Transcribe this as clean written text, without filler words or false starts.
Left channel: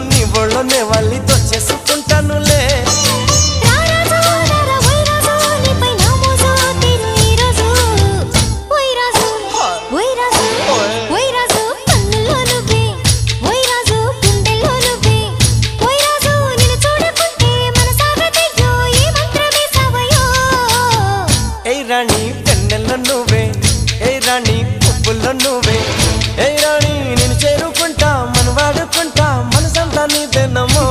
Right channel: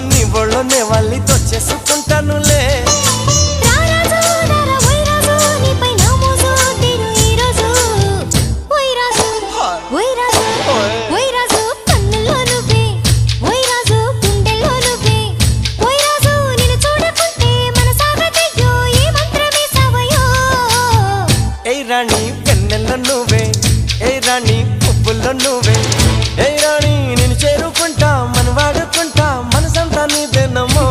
నీ ఒళ్ళోనే వాళ్ళి దొచ్చేసుకుంటానులే రాణి వెన్నెల్లో నువ్వే ఏ రాణి పువ్వుల్లో నువ్వే ఏ రాణి నేను చేరుకుంటా మనం వాడుకుంటా మనసంతా నీదేనమ్మో